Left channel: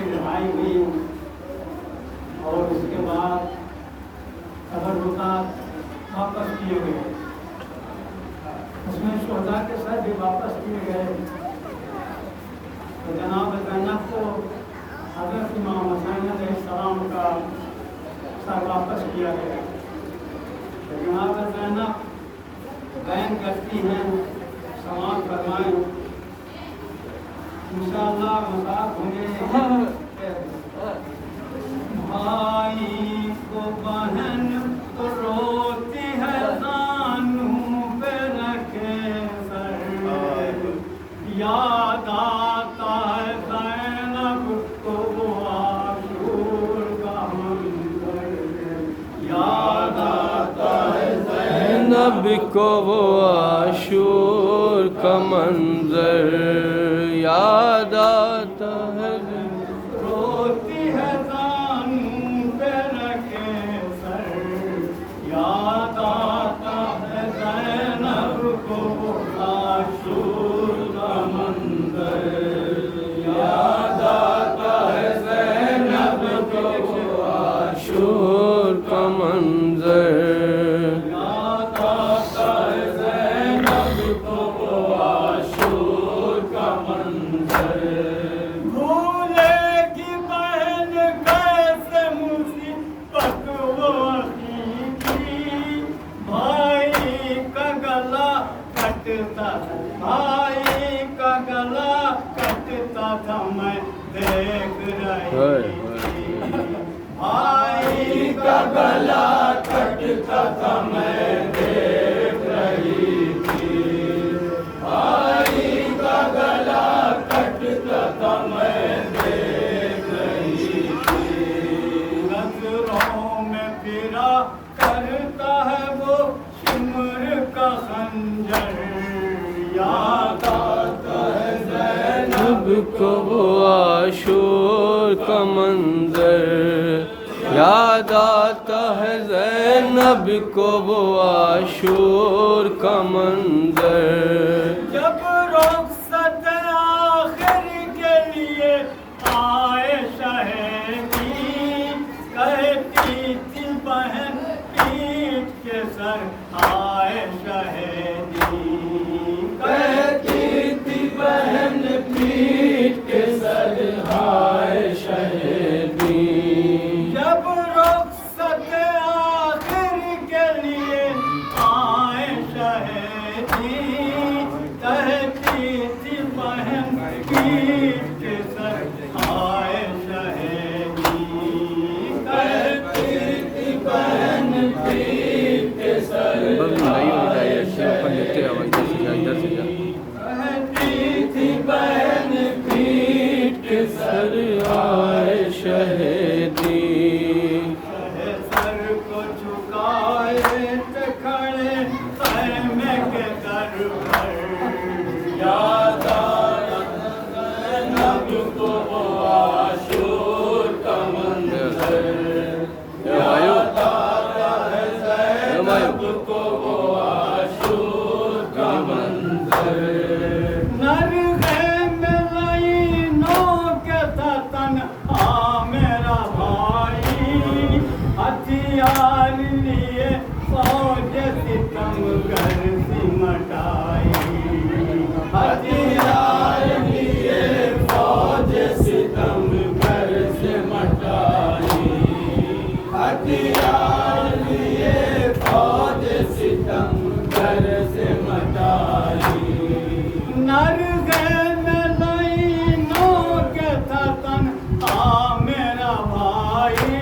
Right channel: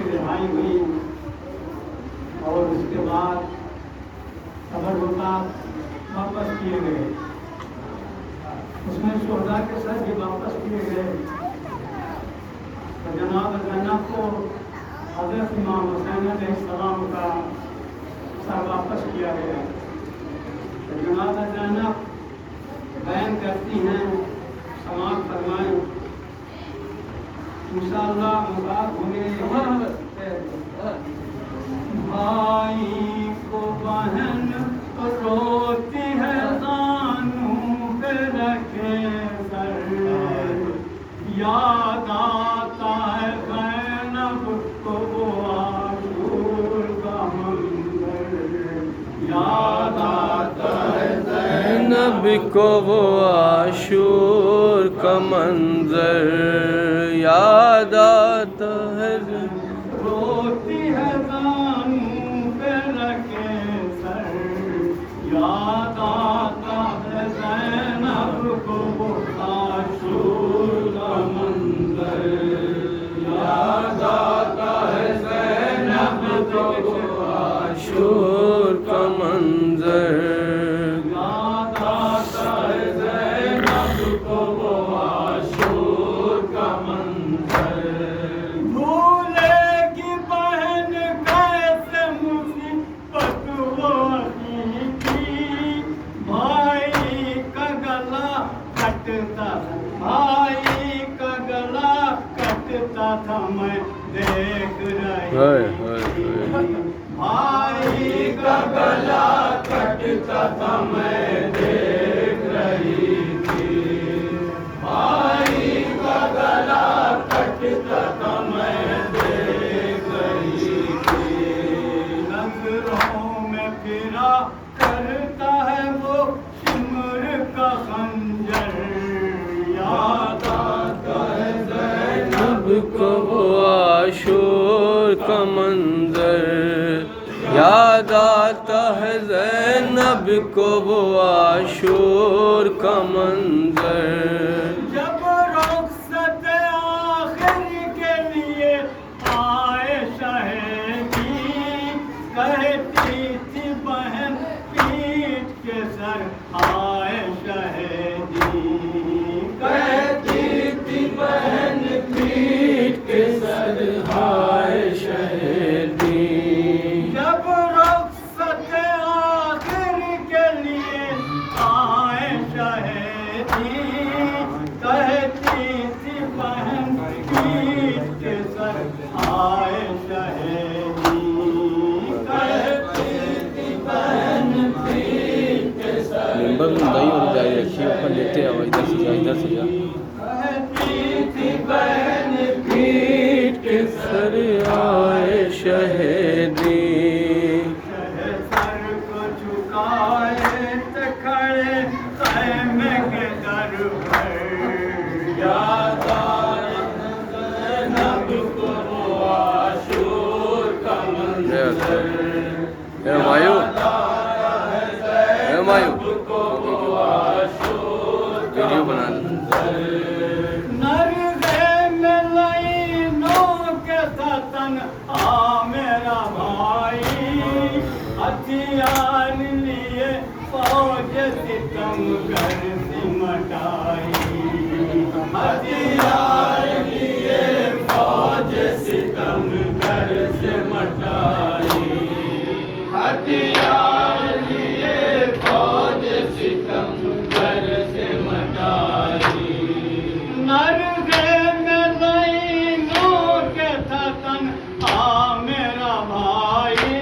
की रिहाई हुई और उसके बाद तबर्रुकात वापस किए गए। उसमें शोहदा के सर भी वापस किए गए। तो जनाब ज़ैनब को हज़रत इमाम हुसैन अलैहिस्सलाम का सर वापस किया गया। तो जनाब ज़ैनब बयान करती हैं, समाप्त फरमाएं, इंशाअल्लाह मुबारक होंगे। भाई को बहन रोती है जानू पे रखे सर, याद आता है ज़ैनब को आशूर का मंजर, याद आता है ज़ैनब को वो आशूर का मंजर, याद आता है। रोती है जानू पे रखे सर, याद आता है ज़ैनब को आशूर का मंजर, याद आता है ज़ैनब को आशूर का मंजर, याद आता है ज़ैनब को आशूर का मंजर। भूलेगी बहन कैसे मुसीबत वही की, भाई का गला कटता, भाई का गला कटता था मैं देख हाय रही हाय थी, हाय। भाई का गला कटता था मैं देख रही थी, भाई का गला कटता था मैं देख रही थी। नजरों में फिरा करता है वो शिमर का खंजर, याद आता है ज़ैनब को वो आशूर का मंजर, याद आता है ज़ैनब को वो आशूर का मंजर। जब रुखसत आखिर के लिए आए शहदी, कहती थी बहन पीठ के सर आए शहदी, कहती थी बहन पीठ के सर आए शहदी। जब रुखसत आखिर के लिए आए शहदी, कहती थी बहन पीठ के सर आए शहदी, कहती थी बहन पीठ के सर नहीं होनी चाहिए, अच्छी ओपन लेते हैं, इधर से जा, इधर से जा। कहती थी बहन पीठ के सर आए शहदी, सर को झुकाए थे खड़े तैमे के दर पर, याद आता ज़ैनब को वो आशूर का मंजर, मायू याद आता है ज़ैनब को वो आशूर का वीडियो बना। नरगे में लाइनों के था तन्हा मेरा भाई, हथियार लिए फौज सितमगर सिमटाई, हथियार लिए फौज सितमगर सिमटाई, हथियार लिए फौज सितमगर सिमटाई। नरगे में लाइनों के था तन्हा मेरा भाई,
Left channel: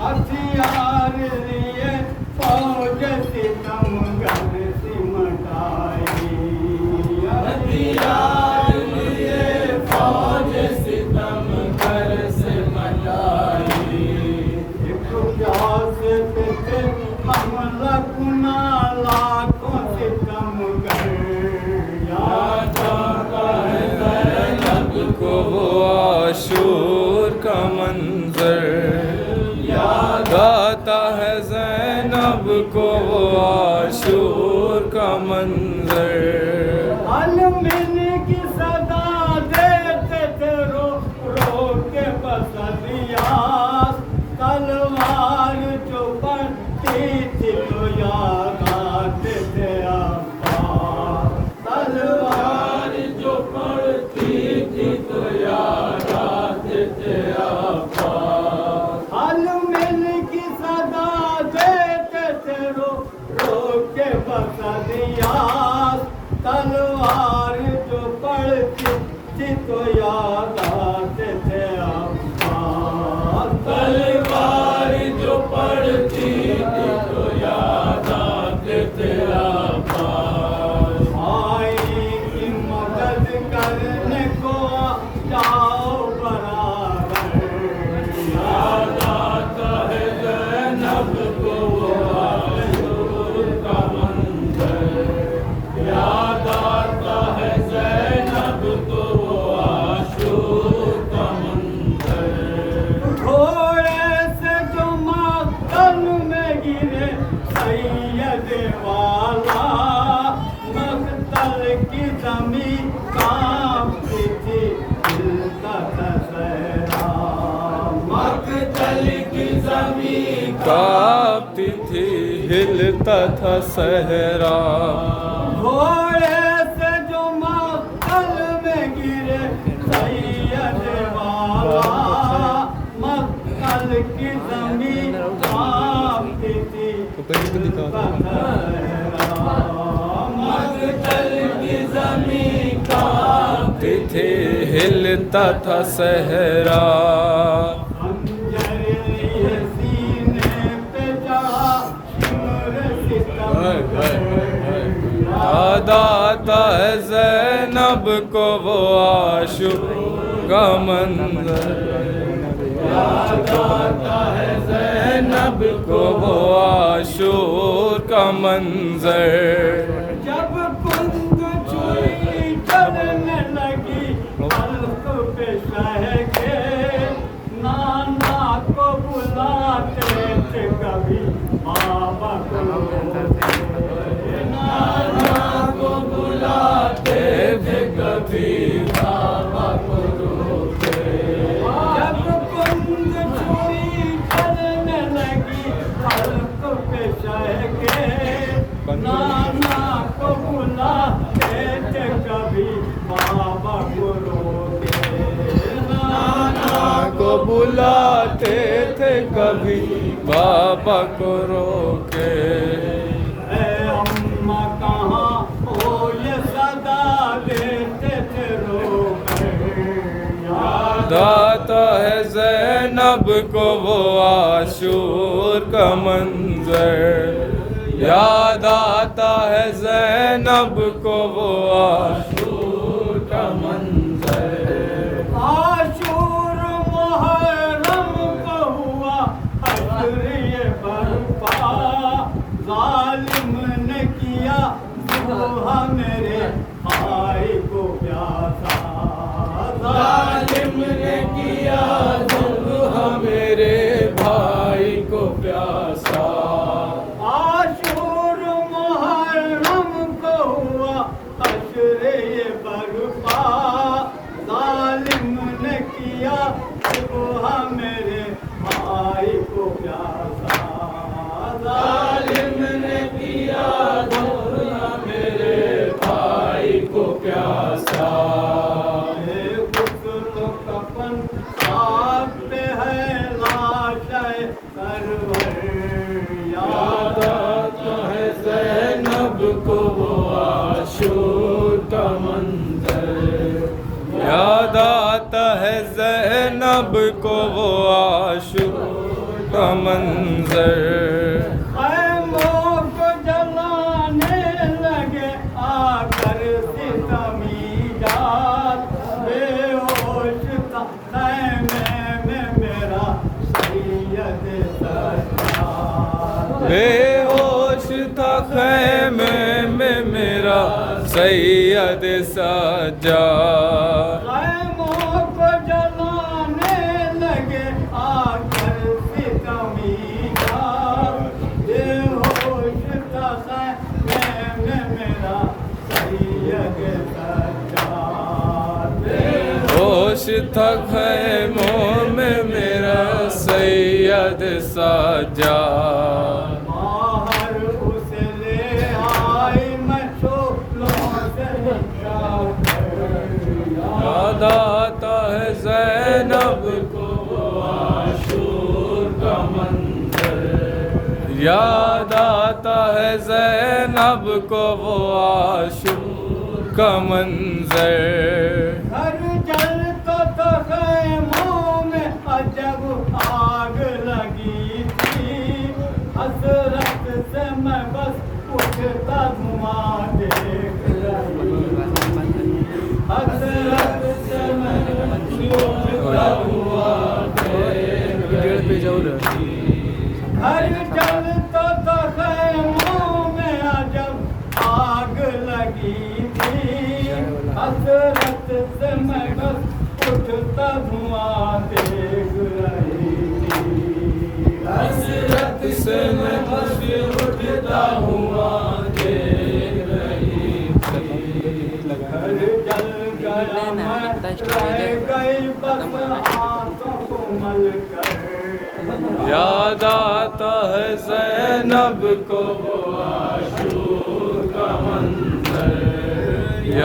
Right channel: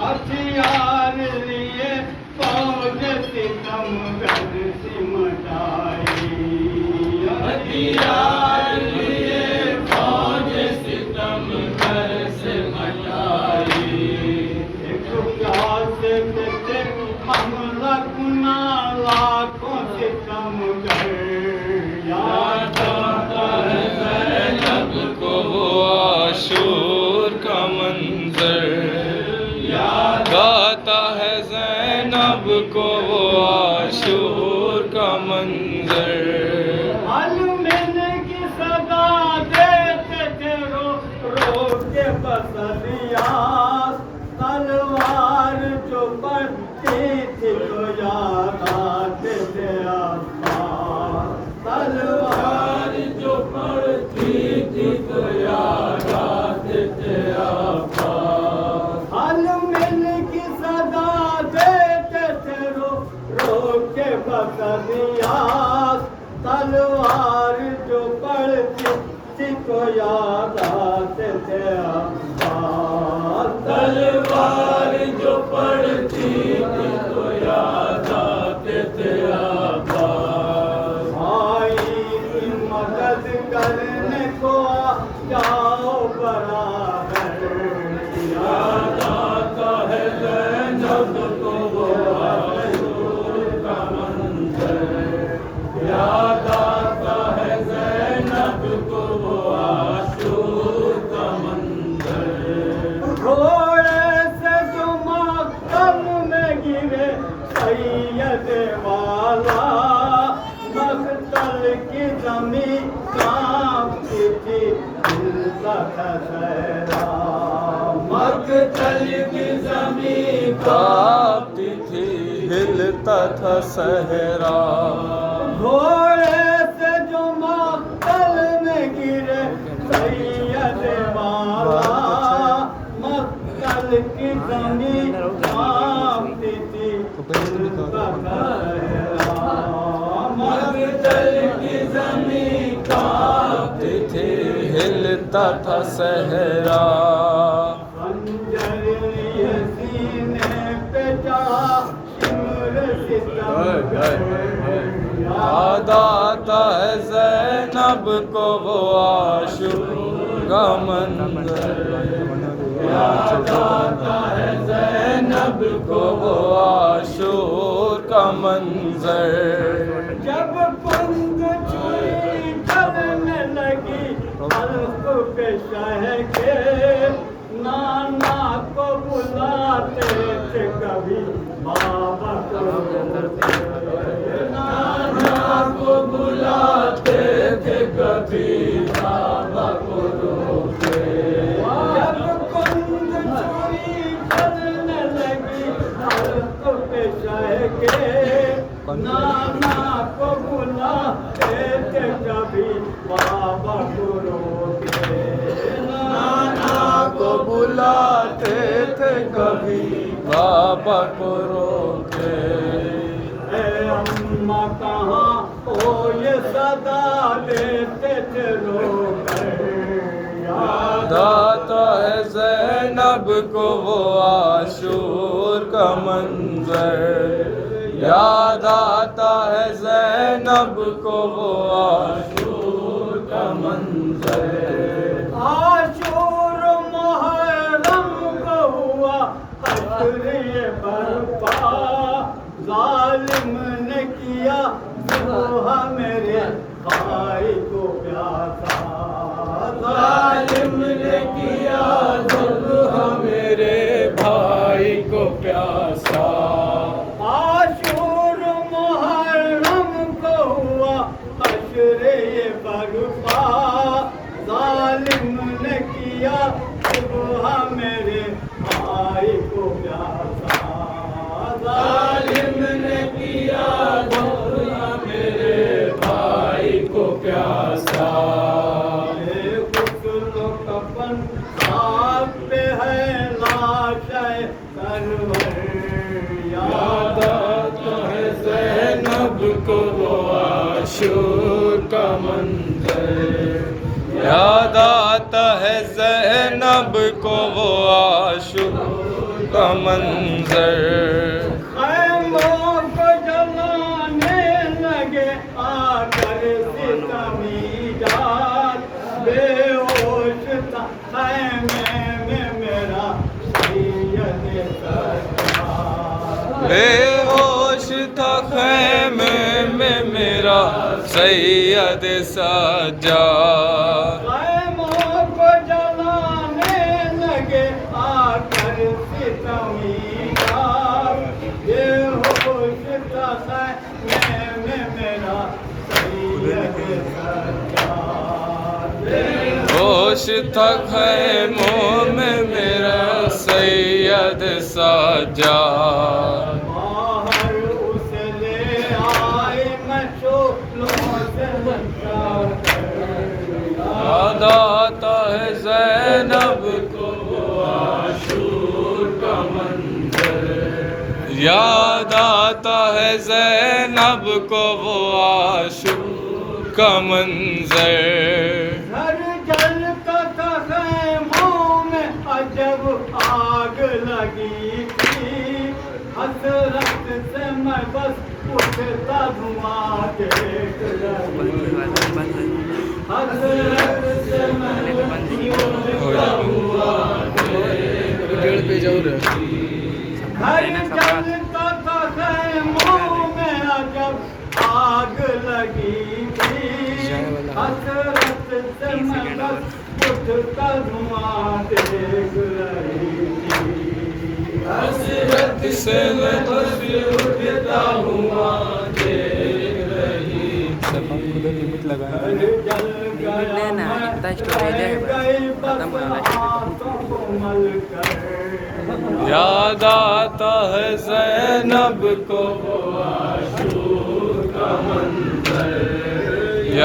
हथियार लिए फौज सितमगर सिमटाई, हथियार लिए फौज सितमगर सिमटाई। एक प्यास पे थे हम रखना लाखों सितमगर, याद आता है ज़ैनब को वो आशूर का मंजर, याद आता है ज़ैनब को वो आशूर का मंजर। अलमिन की सदा देते थे रो रो के तन में गिरे सैयद वाला, मख्तल की जमीन कांपती थी, हिलता था सहरा। मख्तल की जमीन कांपती थी, हिलता था सहरा। घोड़े से जो मख्तल में गिरे सैयद वाला, मख्तल की जमीन कांपती थी, हिलता था सहरा। मख्तल की जमीन कांपती थी, हिलता था सहरा। खंजर लिए सीने पे चढ़ा, शिमर सितम याद आता है ज़ैनब को वो आशुक का मंज़र। याद आता है ज़ैनब को वो आशुक का मंज़र। जब पंख छुरी चलने लगी, हल्क पे शह के नाना को बुलाते थे कभी बाबा को। नाना को बुलाते थे कभी बाबा को रोके। जब पंख छुरी चलने लगी, हल्क पे शह के नाना को बुलाते थे कभी बाबा को रोके। नाना को बुलाते थे कभी बाबा को रोके। ए अम्मा कहाँ हो ये सदा देते थे रोके। याद आता है ज़ैनब को वो आशूर का मंज़र। याद आता है ज़ैनब को वो आशूर का मंज़र। आशूर मुहर्रम को हुआ हश्र बर्पा, जालिम ने किया ज़ुल्हा मेरे भाई को प्यासा। जालिम ने किया ज़ुल्हा मेरे भाई को प्यासा। आशूर मुहर्रम को हुआ हश्र बर्पा, जालिम ने किया ज़ुल्हा मेरे भाई को प्यासा। जालिम ने किया ज़ुल्हा मेरे भाई को प्यासा। गुस्ल कफन खाक पे है लाशे सरवर। याद आता है ज़ैनब को वो आशूर का मंज़र। याद आता है ज़ैनब को वो आशूर का मंज़र। खैमों को जलाने लगे आकर सितमीदार, बेहोश था खैमे में मेरा सैयद सरकार। बेहोश था खैमे में मेरा सैयद सज्जाद। खैमों को जलाने लगे आकर सितमीदार, बेहोश था खैमे में मेरा सैयद सरकार। होश था खैमों में मेरा सैयद सज्जाद। बाहर उसे ले आई मैं शोलों से याद आता है ज़ैनब को वो आशूर का मंज़र। याद आता है ज़ैनब को वो आशूर का मंज़र। घर जलता था खैमों में अजब आग लगी थी, हसरत से मैं बस उठता धुआं देख रही। हसरत से मैं उठता धुआं देख रही। घर जलता था खैमों में अजब आग लगी थी, हसरत से मैं बस उठता धुआं देख रही थी। हसरत इसे मैं तस्वीर उठता हुआ देख रही लेना इतना स्टोरेज है खत्म हो रहा याद आता है ज़ैनब को वो आशूरा